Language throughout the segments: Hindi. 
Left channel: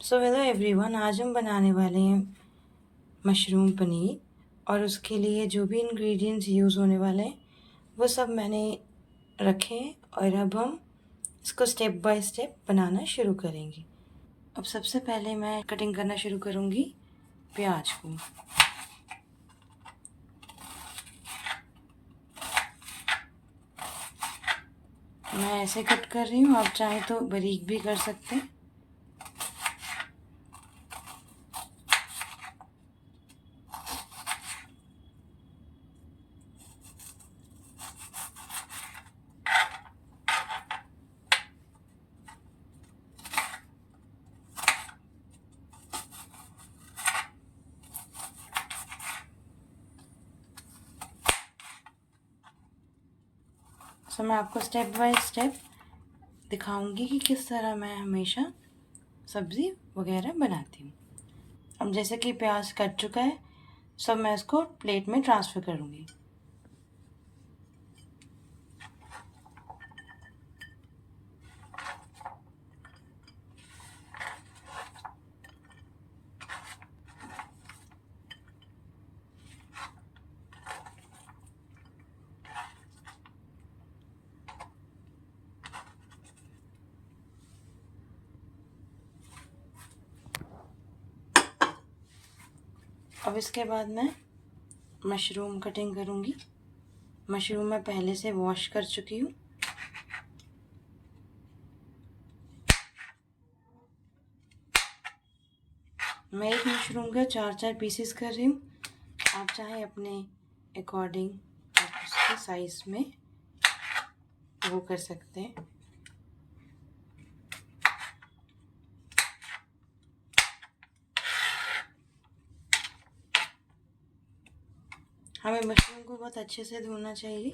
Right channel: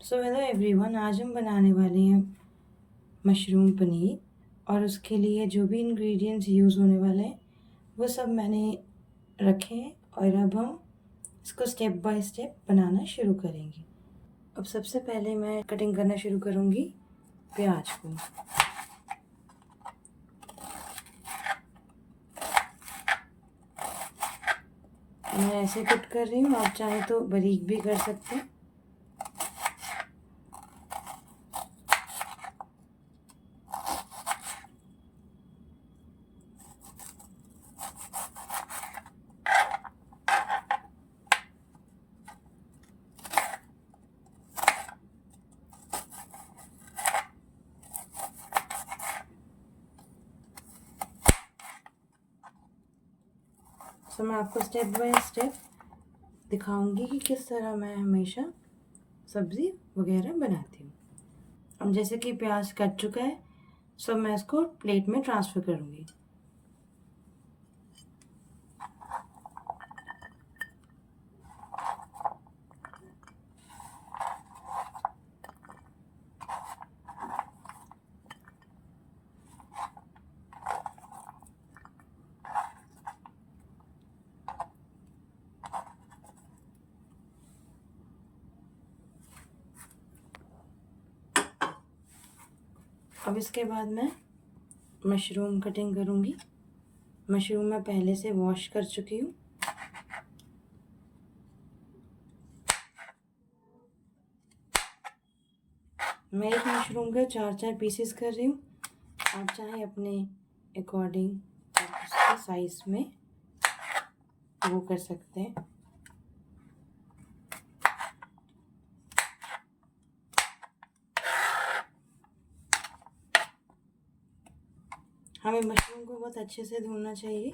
सो हेलो एवरीवन, आज हम बनाने वाले हैं मशरूम पनीर। और उसके लिए जो भी इंग्रेडिएंट्स यूज़ होने वाले हैं वो सब मैंने रखे हैं। और अब हम इसको स्टेप बाय स्टेप बनाना शुरू करेंगे। अब सबसे पहले मैं कटिंग करना शुरू करूँगी प्याज को। मैं ऐसे कट कर रही हूँ, आप चाहें तो बारीक भी कर सकते हैं। सो मैं आपको स्टेप बाय स्टेप दिखाऊंगी कि किस तरह मैं हमेशा सब्ज़ी वगैरह बनाती हूँ। अब जैसे कि प्याज कट चुका है, सो मैं इसको प्लेट में ट्रांसफ़र करूँगी। अब इसके बाद मैं मशरूम कटिंग करूँगी। मशरूम मैं पहले से वॉश कर चुकी हूँ। मैं एक मशरूम के 4-4 पीसेस कर रही हूँ। आप चाहें अपने अकॉर्डिंग उसके साइज़ में वो कर सकते हैं। हमें मशरूम को बहुत अच्छे से धोना चाहिए,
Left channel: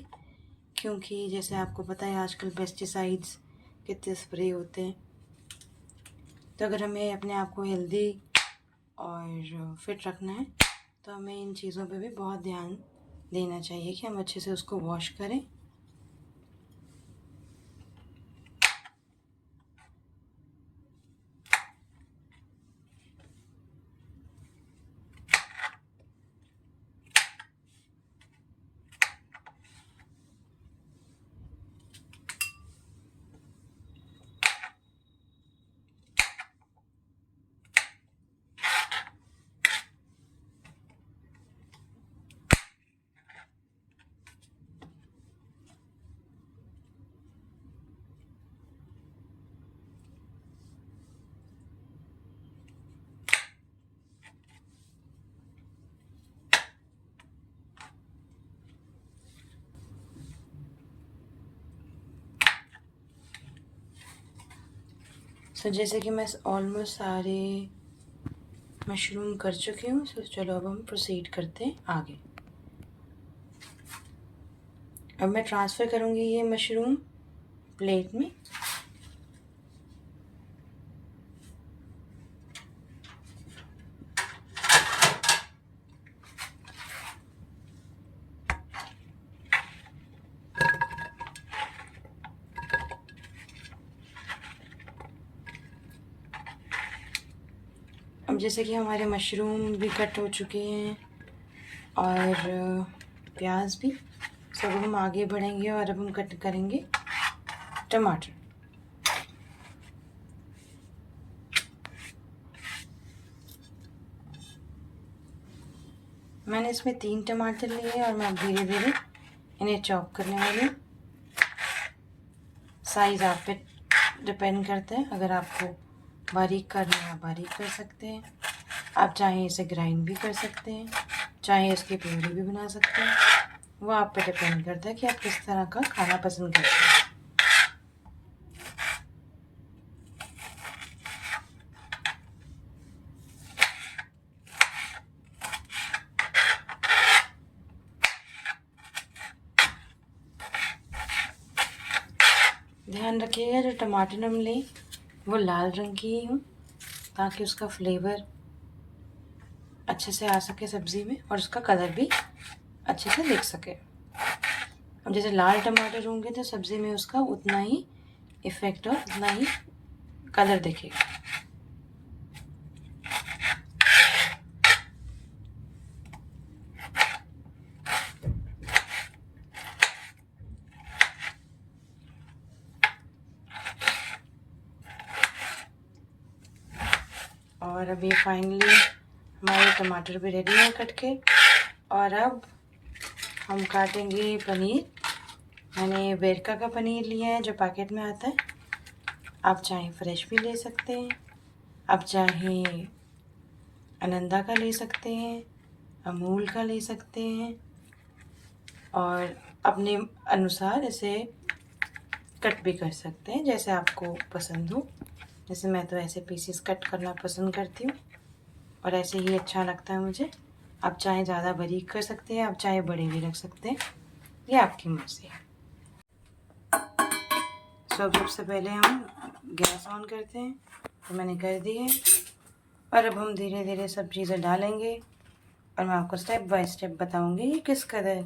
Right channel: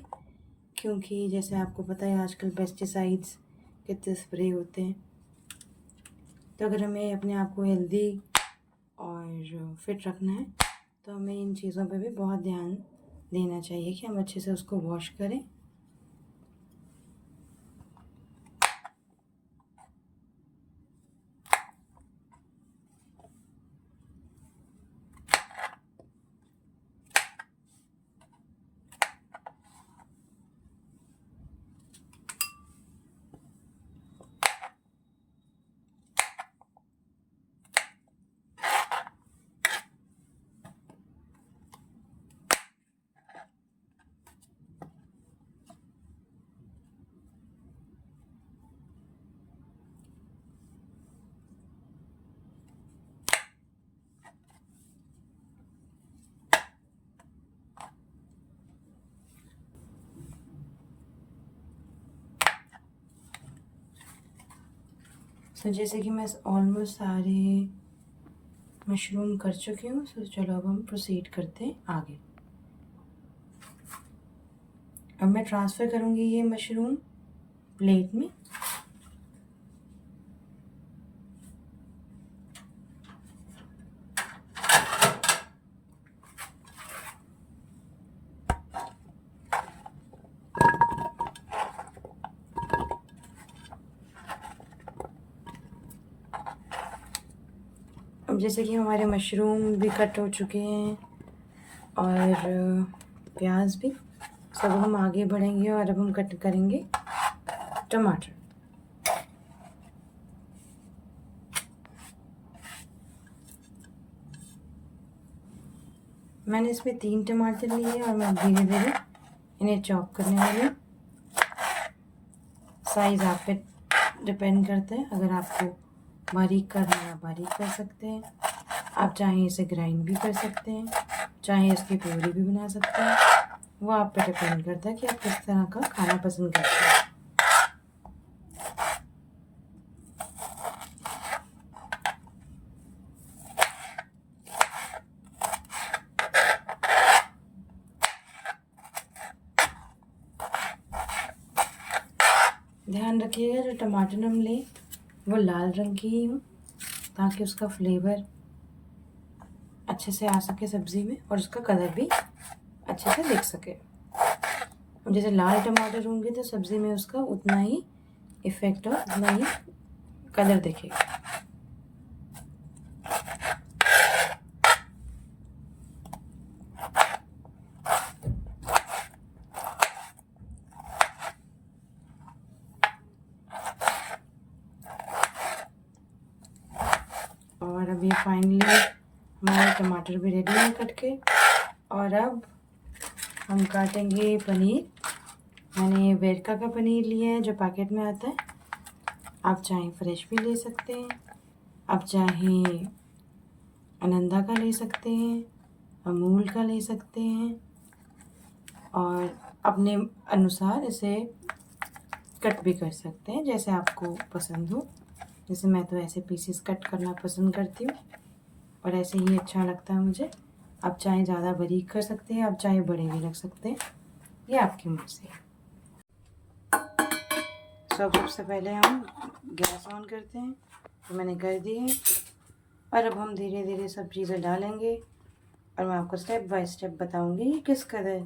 क्योंकि जैसे आपको पता है आजकल पेस्टिसाइड्स कितने स्प्रे होते हैं। तो अगर हमें अपने आप को हेल्दी और फिट रखना है तो हमें इन चीज़ों पे भी बहुत ध्यान देना चाहिए कि हम अच्छे से उसको वॉश करें। सो जैसे कि मैं ऑलमोस्ट सारे मशरूम कर चुकी हूँ। सो चलो अब हम प्रोसीड करते हैं आगे। अब मैं ट्रांसफ़र करूँगी ये मशरूम प्लेट में। अब जैसे कि हमारे मशरूम भी कट हो चुके हैं और प्याज भी, सब हम आगे बढ़ेंगे और अब हम कट करेंगे टमाटर। मैंने इसमें 3 टमाटर लिए और मैं धीरे धीरे इन्हें चॉप करने वाली हूँ। साइज़ आप पे डिपेंड करता है। अगर आपको बारीक करना है आप बारीक कर सकते हैं, आप चाहें इसे ग्राइंड भी कर सकते हैं, चाहे इसकी प्यूरी भी बना सकते हैं। वो आप पे डिपेंड करता है कि आप किस तरह का खाना पसंद करते हैं। ध्यान रखिएगा जो टमाटर हम लें वो लाल रंग की ही हो, ताकि उसका फ्लेवर अच्छे से आ सके सब्ज़ी में और उसका कलर भी अच्छे से दिख सके। अब जैसे लाल टमाटर होंगे तो सब्ज़ी में उसका उतना ही इफ़ेक्ट और उतना ही कलर दिखेगा। और अब ये फाइनली हमारे टमाटर भी रेडी हैं कट के। और अब हम काटेंगे पनीर। मैंने वेरका का पनीर लिया है जो पैकेट में आता है। आप चाहें फ्रेश भी ले सकते हैं, आप चाहें आनंदा का ले सकते हैं, अमूल का ले सकते हैं, और अपने अनुसार इसे कट भी कर सकते हैं जैसे आपको पसंद हो। जैसे मैं तो ऐसे पीसेस कट करना पसंद करती हूँ और ऐसे ही अच्छा लगता है मुझे। आप चाहे ज़्यादा बारीक कर सकते हैं, आप चाहे बड़े भी रख सकते हैं, ये आपकी मर्ज़ी है। सबसे पहले हम गैस ऑन करते हैं, तो मैंने कर दी है। और अब हम धीरे धीरे सब चीज़ें डालेंगे और मैं आपको स्टेप बाय स्टेप बताऊंगी कि किस कदर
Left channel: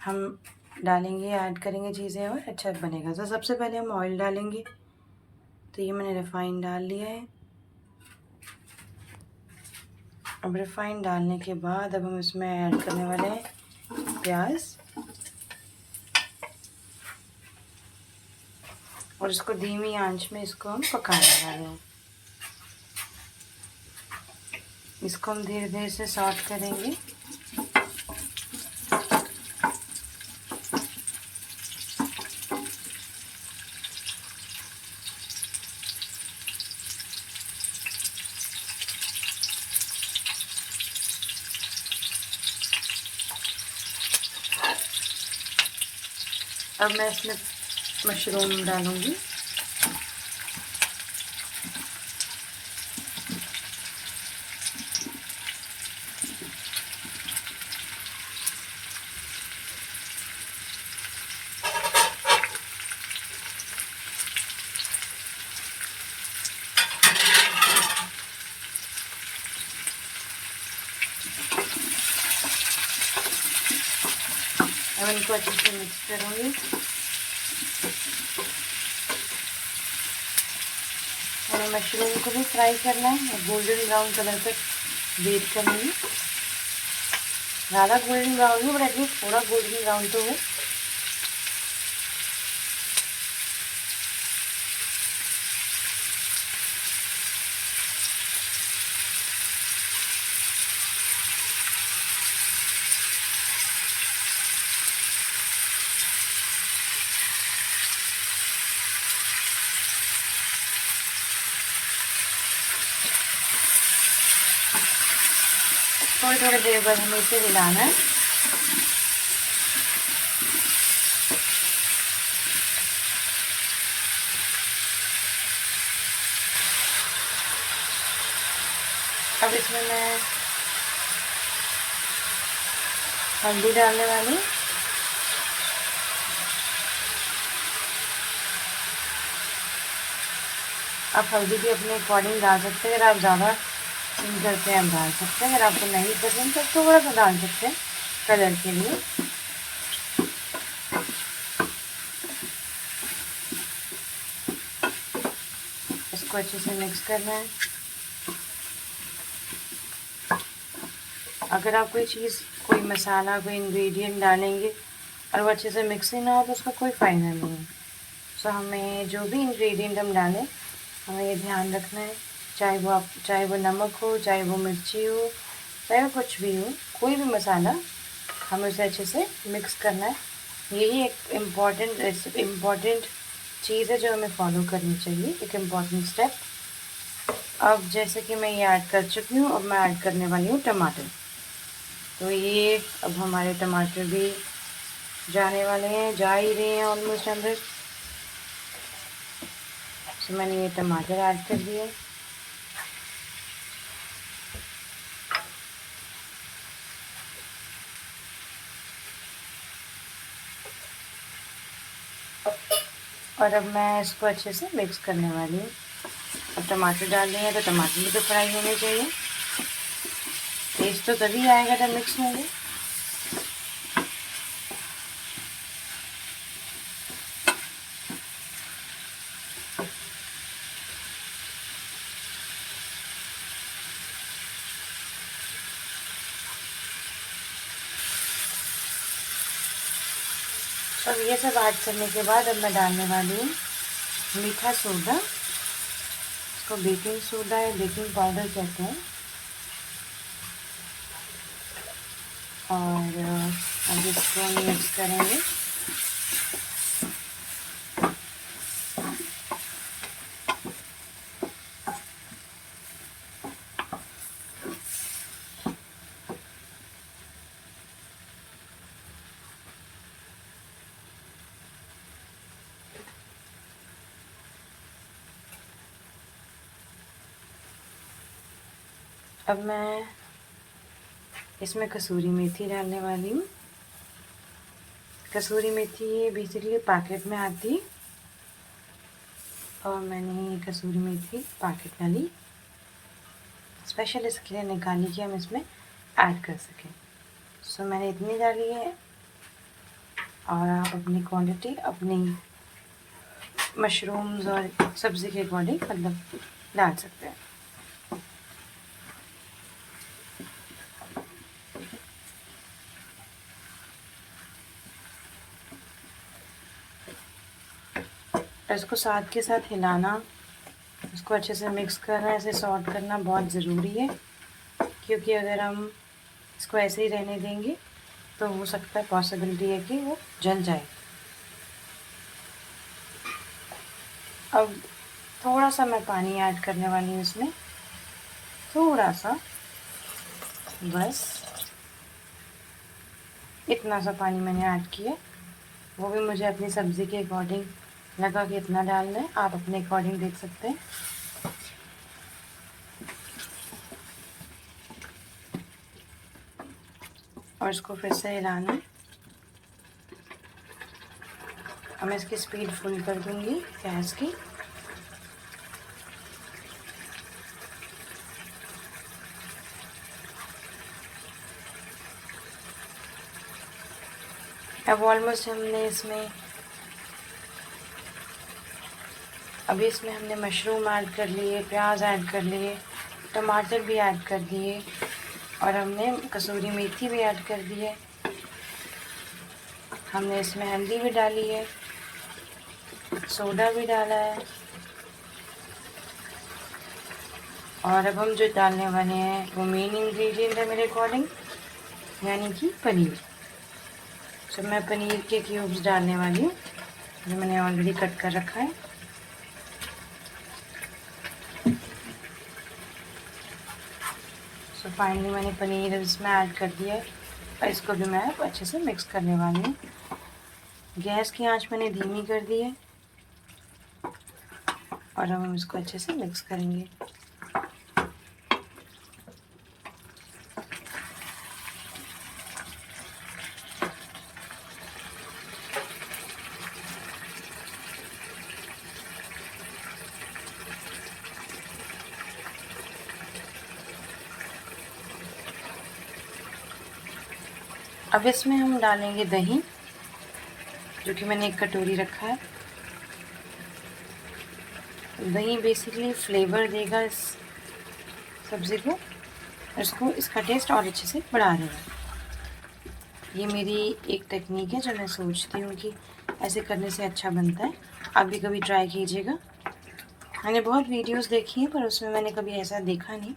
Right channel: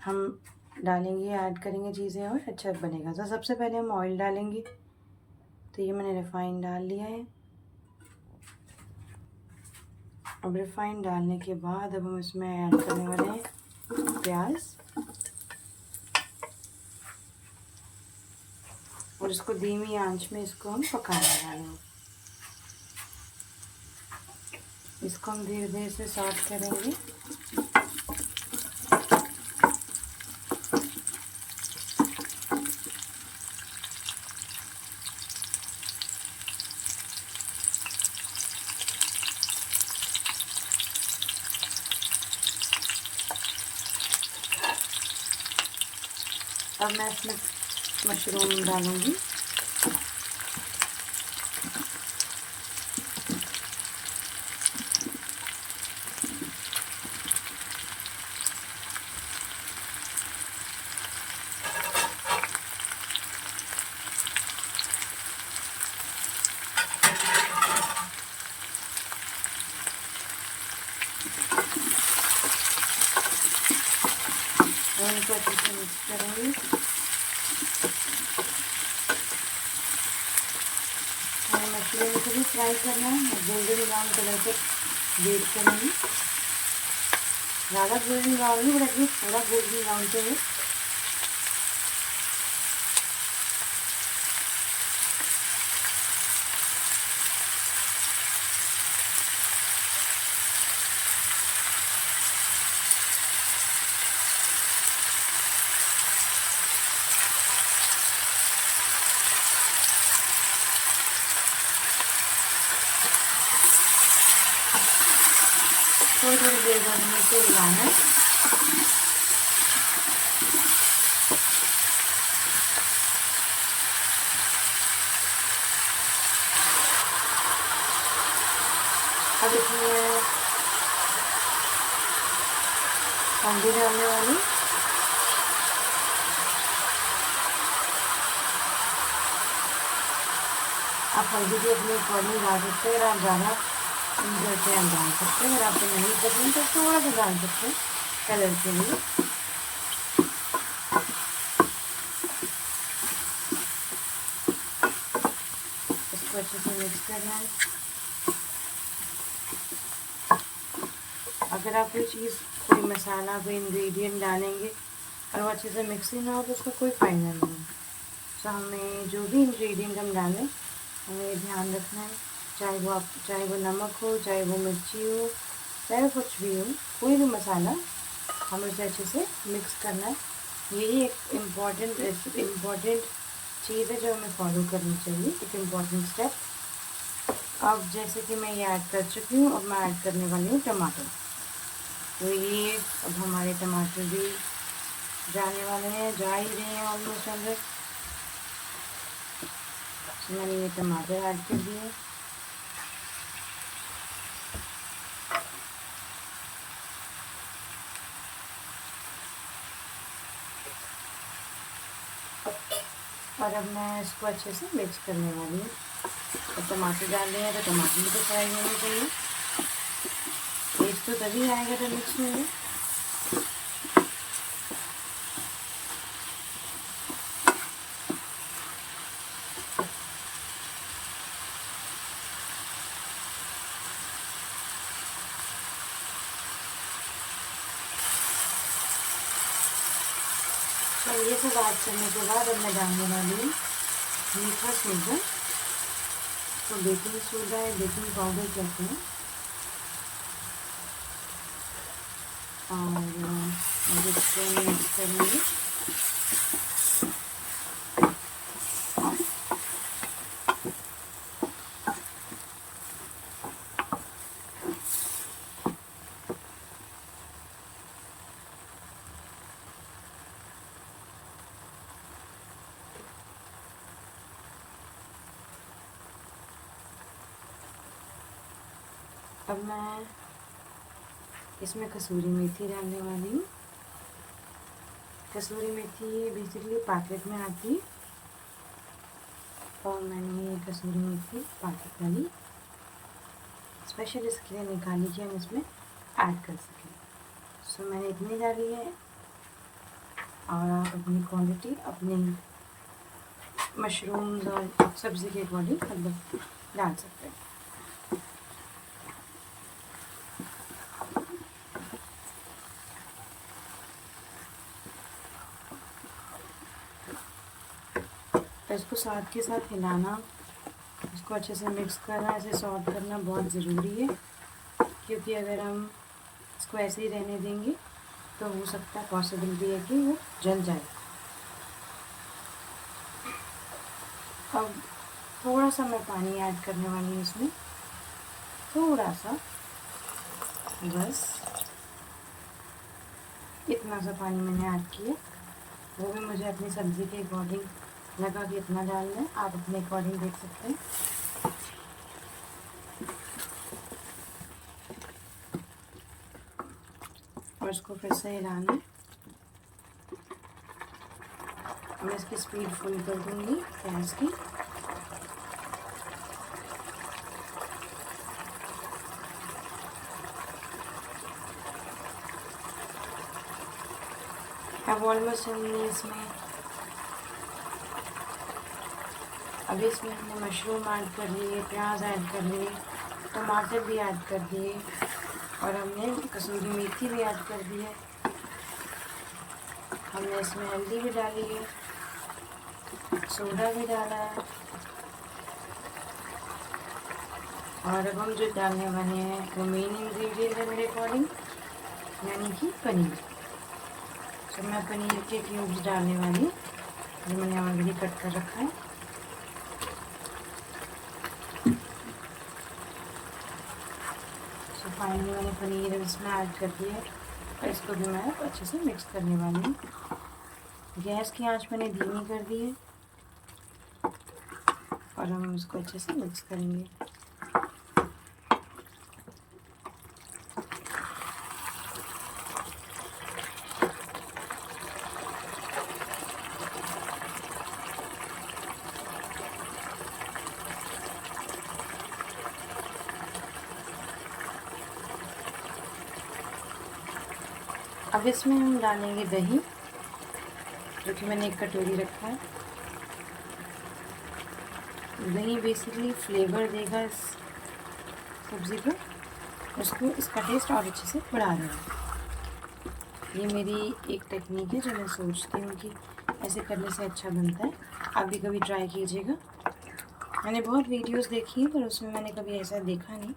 हम डालेंगे, ऐड करेंगे चीज़ें और अच्छा बनेगा। तो सबसे पहले हम ऑयल डालेंगे। तो ये मैंने रिफ़ाइन डाल लिया है। अब रिफ़ाइन डालने के बाद अब हम इसमें ऐड करने वाले हैं प्याज, और इसको धीमी आंच में इसको हम पकाने वाले हैं। इसको हम धीरे धीरे से सॉट करेंगे। अब मैं इसमें मशरूम डालूँगी। अब इनको अच्छे से मिक्स करूँगी। मैंने मशरूम को भी फ्राई करना है, गोल्डन ब्राउन कलर तक वेट करेंगे। ज़्यादा गोल्डन ब्राउन नहीं, बट एटलीस्ट थोड़ा गोल्डन ब्राउन तो है। थोड़ी थोड़ी देर बाद हमें इसे हिलाना है। अब इसमें मैं हल्दी डालने वाली। आप हल्दी भी अपने अकॉर्डिंग डाल सकते हैं। अगर आप ज़्यादा पसंद करते हैं आप डाल सकते हैं, अगर आपको नहीं पसंद तो थोड़ा सा डाल सकते हैं कलर के लिए। इसको अच्छे से मिक्स करना है। अगर आप कोई चीज़, कोई मसाला, कोई इंग्रेडिएंट डालेंगे और वो अच्छे से मिक्स ही ना हो तो उसका कोई फ़ायदा नहीं है। तो हमें जो भी इंग्रेडिएंट हम डालें, हमें ये ध्यान रखना है, चाहे वो नमक हो, चाहे वो मिर्ची हो, चाहे वो कुछ भी हो, कोई भी मसाला, हमें उसे अच्छे से मिक्स करना है। यही एक इम्पॉर्टेंट चीज़ है जो हमें फॉलो करनी चाहिए, एक इम्पॉर्टेंट स्टेप। अब जैसे कि मैं ये ऐड कर चुकी हूँ, अब मैं ऐड करने वाली हूँ टमाटर। तो ये अब हमारे टमाटर भी जाने वाले हैं, जा ही रहे हैं ऑलमोस्ट अंदर। तो मैंने ये टमाटर ऐड कर दिए। और अब मैं इसको अच्छे से मिक्स करने वाली हूँ। अब टमाटर डाल दिए हैं तो टमाटर भी तो फ्राई होने चाहिए। टेस्ट तो तभी आएगा जब मिक्स होंगे। तो अब ये सब ऐड करने के बाद अब मैं डालने वाली हूँ मीठा सोडा। इसको बेकिंग सोडा या बेकिंग पाउडर कहते हैं। और अब इसको मिक्स करेंगे। अब मैं इसमें कसूरी मेथी डालने वाली हूँ। कसूरी मेथी ये बेसिकली पैकेट में आती है और मैंने ये कसूरी मेथी पैकेट डाली, स्पेशल इसके लिए निकाली कि हम इसमें ऐड कर सकें। सो मैंने इतनी डाली है और आप अपनी क्वांटिटी अपनी मशरूम्स और सब्ज़ी के अकॉर्डिंग मतलब डाल सकते हैं। इसको साथ के साथ हिलाना, इसको अच्छे से मिक्स करना, ऐसे सॉर्ट करना बहुत ज़रूरी है, क्योंकि अगर हम इसको ऐसे ही रहने देंगे तो हो सकता है पॉसिबिलिटी है कि वो जल जाए। अब थोड़ा सा मैं पानी ऐड करने वाली हूँ इसमें, थोड़ा सा, बस इतना सा पानी मैंने ऐड किया। वो भी मुझे अपनी सब्ज़ी के अकॉर्डिंग लगा कि इतना डालना है, आप अपने अकॉर्डिंग देख सकते हैं। और इसको फिर से हिलाना है। अब मैं इसकी स्पीड फुल कर दूंगी गैस की। अब ऑलमोस्ट हमने मशरूम ऐड कर लिए, प्याज ऐड कर लिए, टमाटर भी ऐड कर दिए और हमने कसूरी मेथी भी ऐड कर दी है। हमने इसमें हल्दी भी डाली है, सोडा भी डाला है और अब हम जो डालने वाले हैं वो मेन इंग्रेडिएंट है मेरे अकॉर्डिंग, यानी कि पनीर। तो मैं पनीर के क्यूब्स डालने वाली हूँ जो मैंने ऑलरेडी कट कर रखा है। सो फाइनली मैंने पनीर इसमें ऐड कर दिया है और इसको भी मैं अच्छे से मिक्स करने वाली हूँ। गैस की आंच मैंने धीमी कर दी है और हम इसको अच्छे से मिक्स करेंगे। अब इसमें हम डालेंगे दही, जो कि मैंने एक कटोरी रखा है। दही बेसिकली फ्लेवर देगा इस सब्ज़ी को, इसको इसका टेस्ट और अच्छे से बढ़ा देगा। ये मेरी एक टेक्निक है जो मैं सोचती हूँ कि ऐसे करने से अच्छा बनता है। आप भी कभी ट्राई कीजिएगा। मैंने बहुत वीडियोस देखी हैं पर उसमें मैंने कभी ऐसा देखा नहीं,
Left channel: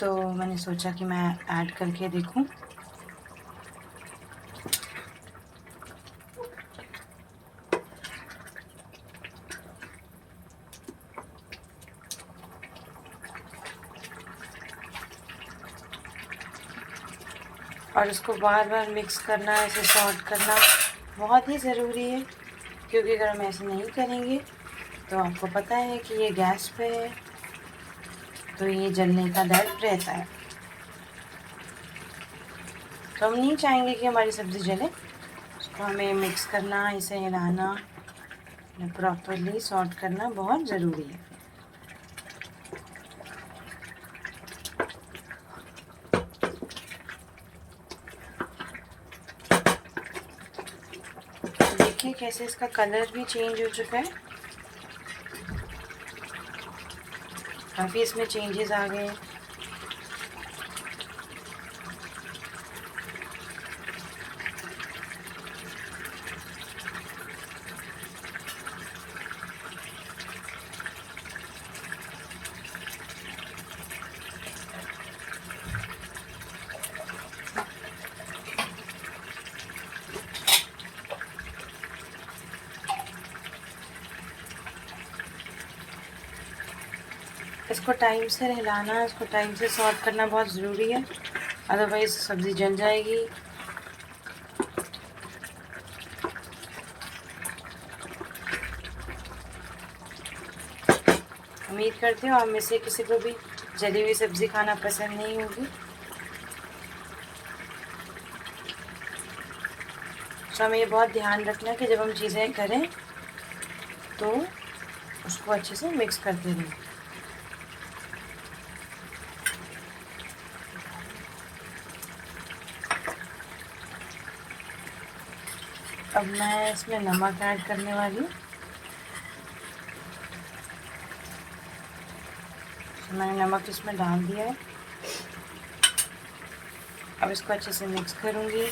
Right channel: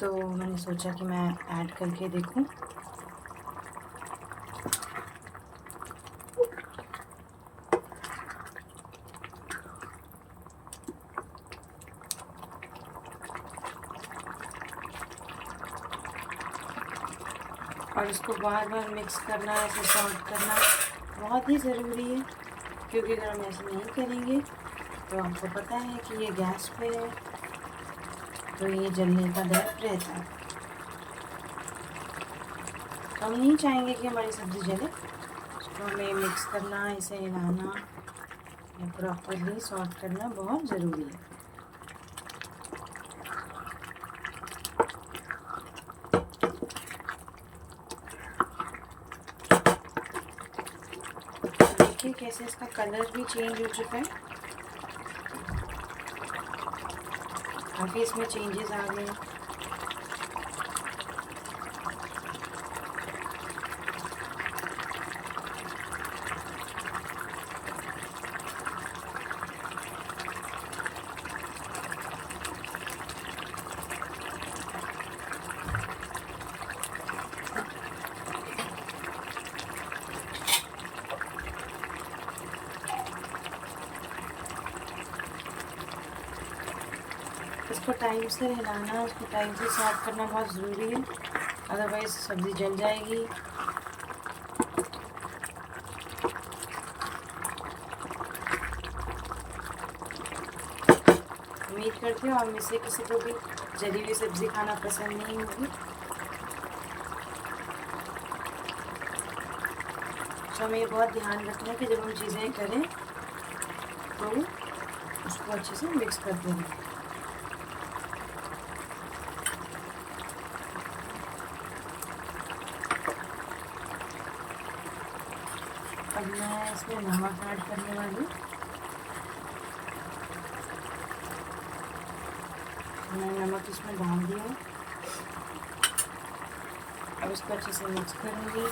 तो मैंने सोचा कि मैं ऐड करके देखूं। और इसको बार बार मिक्स करना, ऐसे सॉर्ट करना बहुत ही ज़रूरी है, क्योंकि अगर हम ऐसे नहीं करेंगे तो आपको पता है कि ये गैस पे है तो ये जलने का डर रहता है। तो हम नहीं चाहेंगे कि हमारी सब्ज़ी जले। इसको हमें मिक्स करना, इसे हिलाना या प्रॉपरली सॉर्ट करना बहुत ज़रूरी है। देखिए कैसे इसका कलर भी चेंज हो चुका है, काफ़ी इसमें चेंजेस आ गए। इसको टाइम से हिलाना, इसको टाइम से सॉर्ट करना बहुत ज़रूरी है, अदरवाइज़ सब्ज़ी जल जाएगी। उम्मीद करती हूँ आप में से किसी को भी जली हुई सब्ज़ी खाना पसंद नहीं होगी। तो हमें ये बहुत ध्यान रखना है कि जब हम चीज़ें करें तो उसको अच्छे से मिक्स करते रहें। अब मैं इसमें नमक ऐड करने वाली हूँ। मैंने नमक इसमें डाल दिया है। अब इसको अच्छे से मिक्स करूँगी।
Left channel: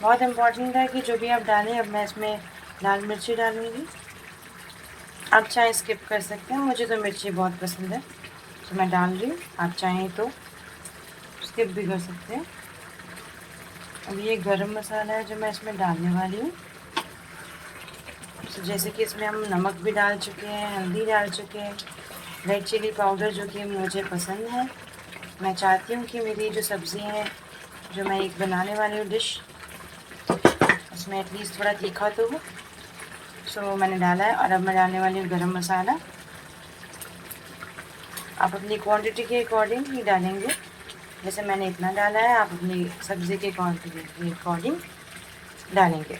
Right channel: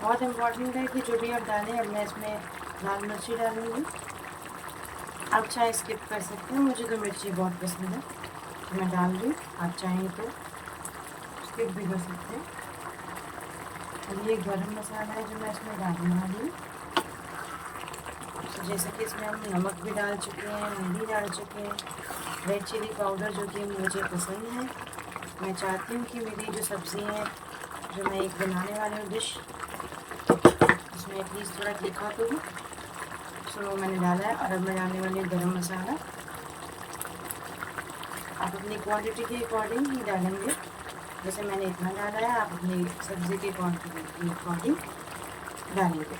बहुत इम्पॉर्टेंट है कि जो भी आप डालें, अब मैं इसमें लाल मिर्ची डालूँगी। आप चाहे स्किप कर सकते हैं, मुझे तो मिर्ची बहुत पसंद है तो मैं डाल रही हूँ। आप चाहें तो स्किप भी कर सकते हैं। अब ये गरम मसाला है जो मैं इसमें डालने वाली हूँ। तो जैसे कि इसमें हम नमक भी डाल चुके हैं, हल्दी डाल चुके हैं, रेड चिली पाउडर जो कि मुझे पसंद है। मैं चाहती हूँ कि मेरी जो सब्ज़ी हैं, जो मैं एक बनाने वाली हूँ डिश, उसमें एटलीस्ट थोड़ा तीखा तो हो। सो मैंने डाला है। और अब मैं डालने वाली हूँ गरम मसाला। आप अपनी क्वांटिटी के अकॉर्डिंग ही डालेंगे। जैसे मैंने इतना डाला है, आप अपनी सब्ज़ी के क्वांटिटी के अकॉर्डिंग डालेंगे।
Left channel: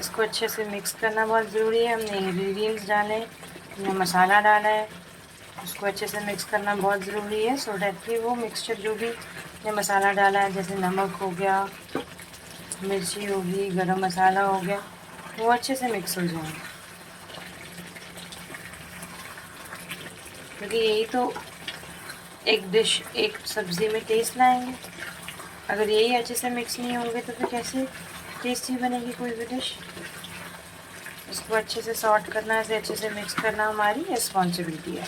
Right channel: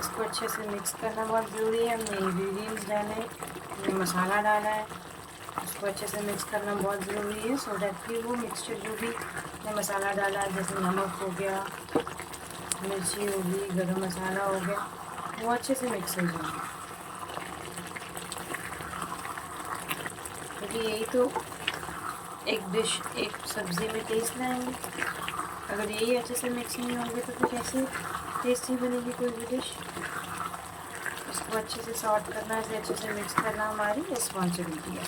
इसको अच्छे से मिक्स करना बहुत ज़रूरी है। हमने इंग्रेडिएंट्स डाले, हमने मसाला डाला है, उसको अच्छे से मिक्स करना बहुत ज़रूरी है, सो डैट कि वो मिक्सचर जो भी हमने मसाला डाला है, जैसे नमक हो गया, मिर्ची होगी, गरम मसाला हो गया, वो अच्छे से मिक्स हो जाए। क्योंकि यही तो एक डिश, एक सब्ज़ी में टेस्ट लाएंगे। अगर यही अच्छे से मिक्स नहीं होंगे तो फिर कैसे टेस्टी बनेगी कोई भी डिश। इसको अच्छे से सॉर्ट करना, इसे अच्छे से मिक्स करना हमारी रिस्पॉन्सिबिलिटी है।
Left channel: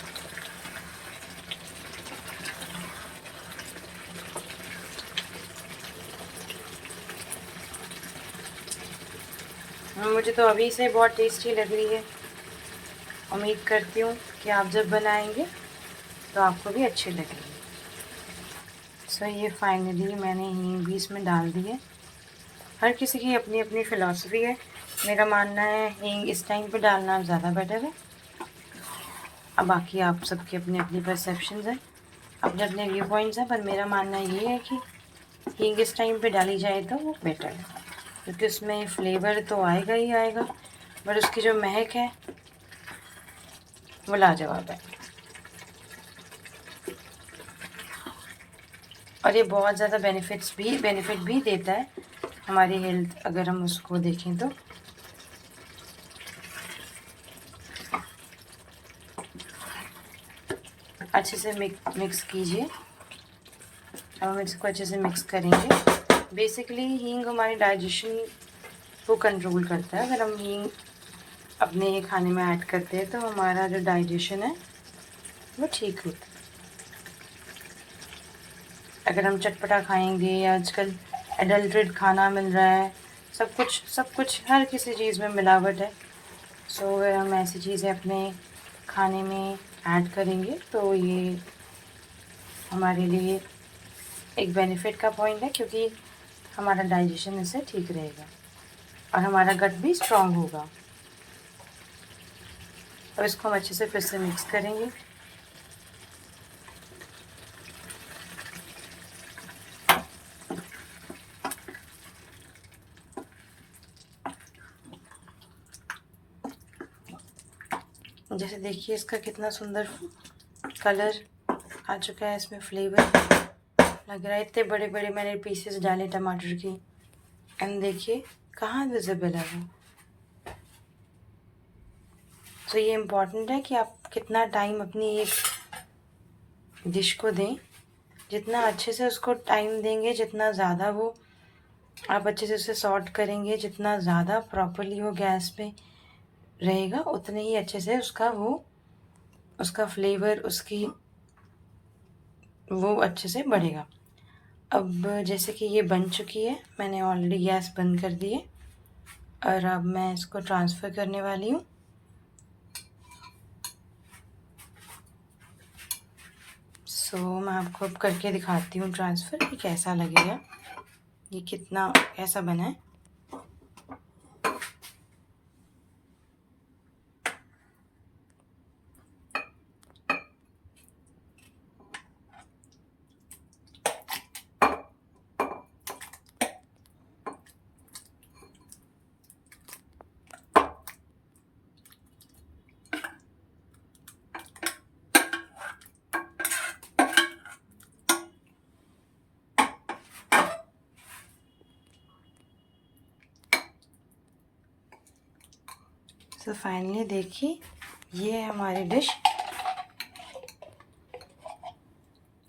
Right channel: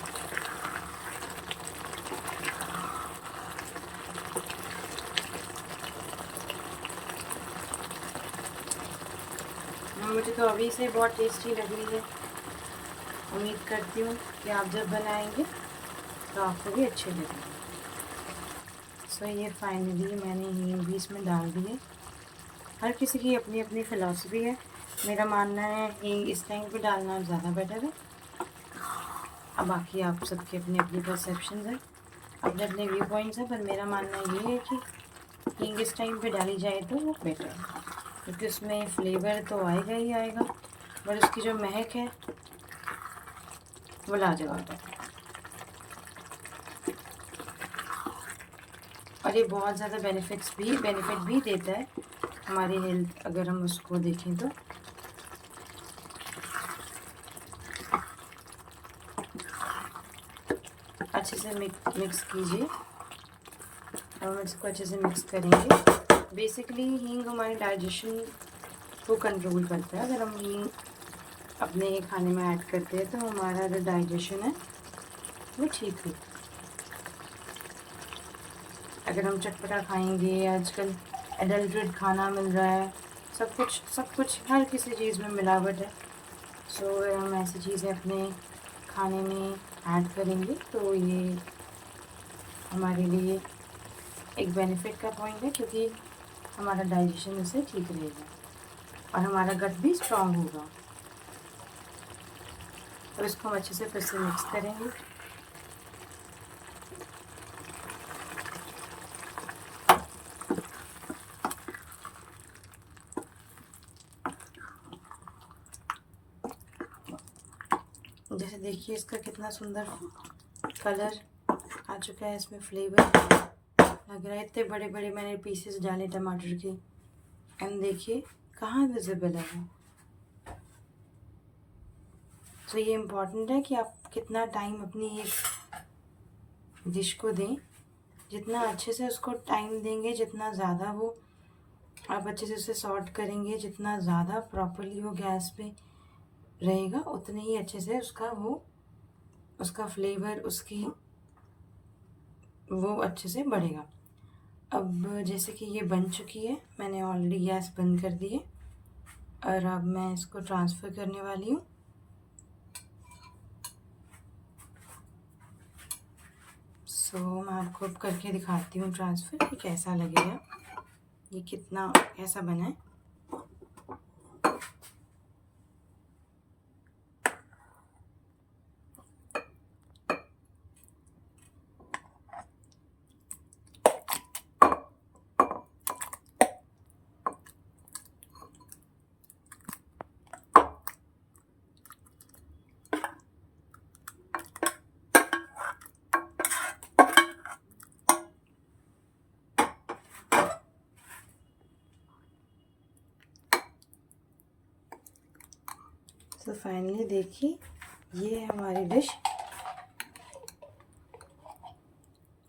मुझे तो अभी से बहुत टेस्टी लग रही है। उम्मीद करती हूँ कि आप जब बनाएंगे तो आपको भी अच्छी लगेगी। सो ये फाइनली मैंने हींग भी इसमें डाल दी है। हर किसी की अपनी अपनी फ़िलॉसफी है। मेरा मानना है हींग इस टाइम पे डालना ज़्यादा बेटर है। अब बाकी आप सबकी अपनी अपनी परसेप्शंस हैं, अपने अपने व्यू पॉइंट्स हैं, पर मेरा मानना ये है कि हींग इस टाइम पे डाली जाए तो वो बेटर है, क्योंकि उसमें फ्लेवर तो आएगा ही आएगा, बट उसकी जो महक है वो लाजवाब है। और ये बहुत ज़्यादा बेनिफिट भी देता है हमारी हेल्थ, अगर हम उसको देखें तो। अच्छे से मिक्स कीजिए। अब हम इसको अच्छे से मिक्स करेंगे। बेसिकली हींग हमारी डाइजेशन को कंट्रोल करता है। अगर हम हींग अपने खाने में ऐड करते हैं तो हमारा जो डाइजेशन है वो ठीक होता है। अगर हम चटपटा खाएंगे, आजकल एडल्ट्रेट खाना मिल रहा है, सब कुछ हर किसी चीज़ में मिलावट है। सो अगर हम ऐसी चीज़ें अपने खाने में ऐड करेंगे तो ये हमारे लिए एक बेनिफिट का पॉइंट है, क्योंकि हमारा डाइजेशन इससे ठीक रहेगा और हमारा गट भी स्ट्रॉन्ग होगा। अब इसको हम अच्छे से फिर से मिक्स करेंगे। जैसे देखिए इसका कितना सुंदर कलर आ चुका है, इसमें फ्लेवर लग रहा है। इतने बड़े बड़े मैंने पीसेस डाले टमाटर के, एंड देखिए कहाँ विजिबल है वो। तो ये इम्पॉर्टेंट है कि आप कितना टाइम अपनी एक डिश को दें। जितना अच्छे से उसको टाइम देंगे, जितना ज़्यादा वो आप अच्छे से उसे सॉर्ट करेंगे, जितना ज़्यादा प्रॉपरली वो गैस पे रहेगा उतने ही अच्छे से उसका फ्लेवर वो अच्छे से बढ़ेगा। अब जैसे कि ये बन चुकी है, मैंने ऑलरेडी गैस बंद कर दी है और अब मैं इसको ट्रांसफ़र करने वाली हूँ। मैं आपको अब करके दिखाती हूँ ट्रांसफ़र कि कैसा लगेगा, ये कितना कैसा बना है। फाइनली देखिए, ये है हमारी डिश।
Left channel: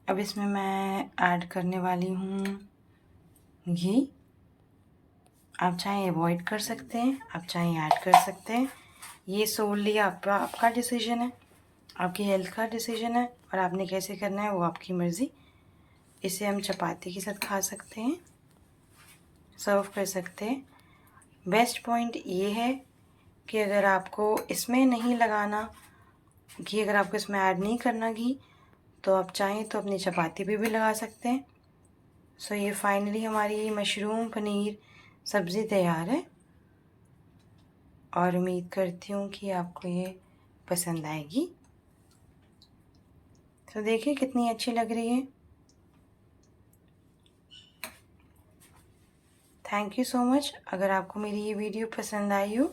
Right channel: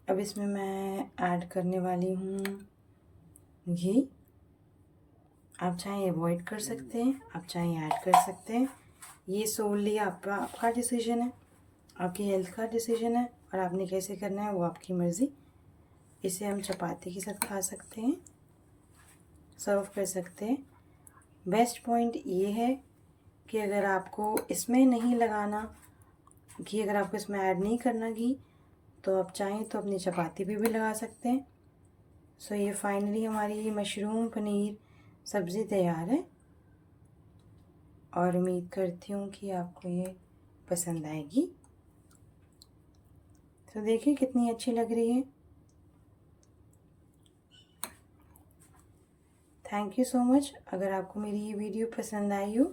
अब इसमें मैं ऐड करने वाली हूँ घी। आप चाहें अवॉइड कर सकते हैं, आप चाहें ऐड कर सकते हैं, ये सोलली आपका डिसीजन है, आपकी हेल्थ का डिसीजन है और आपने कैसे करना है वो आपकी मर्ज़ी। इसे हम चपाती के साथ खा सकते हैं, सर्व कर सकते हैं। बेस्ट पॉइंट ये है कि अगर आपको इसमें नहीं लगाना घी, अगर आपको इसमें ऐड नहीं करना घी, तो आप चाहें तो अपनी चपाती पे भी लगा सकते हैं। ये फाइनली हमारी मशरूम पनीर सब्ज़ी तैयार है और उम्मीद करती हूँ कि आपको ये पसंद आएगी। देखिए कितनी अच्छी लग रही है। Thank you so much. अगर आपको मेरी ये वीडियो पसंद आई हो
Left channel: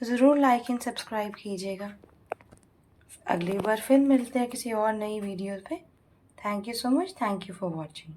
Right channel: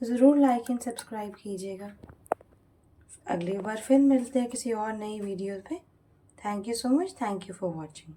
तो ज़रूर लाइक एंड सब्सक्राइब कीजिएगा। अगली बार फिर मिलते हैं किसी और नई वीडियो पे। Thank you so much. Thank you for watching.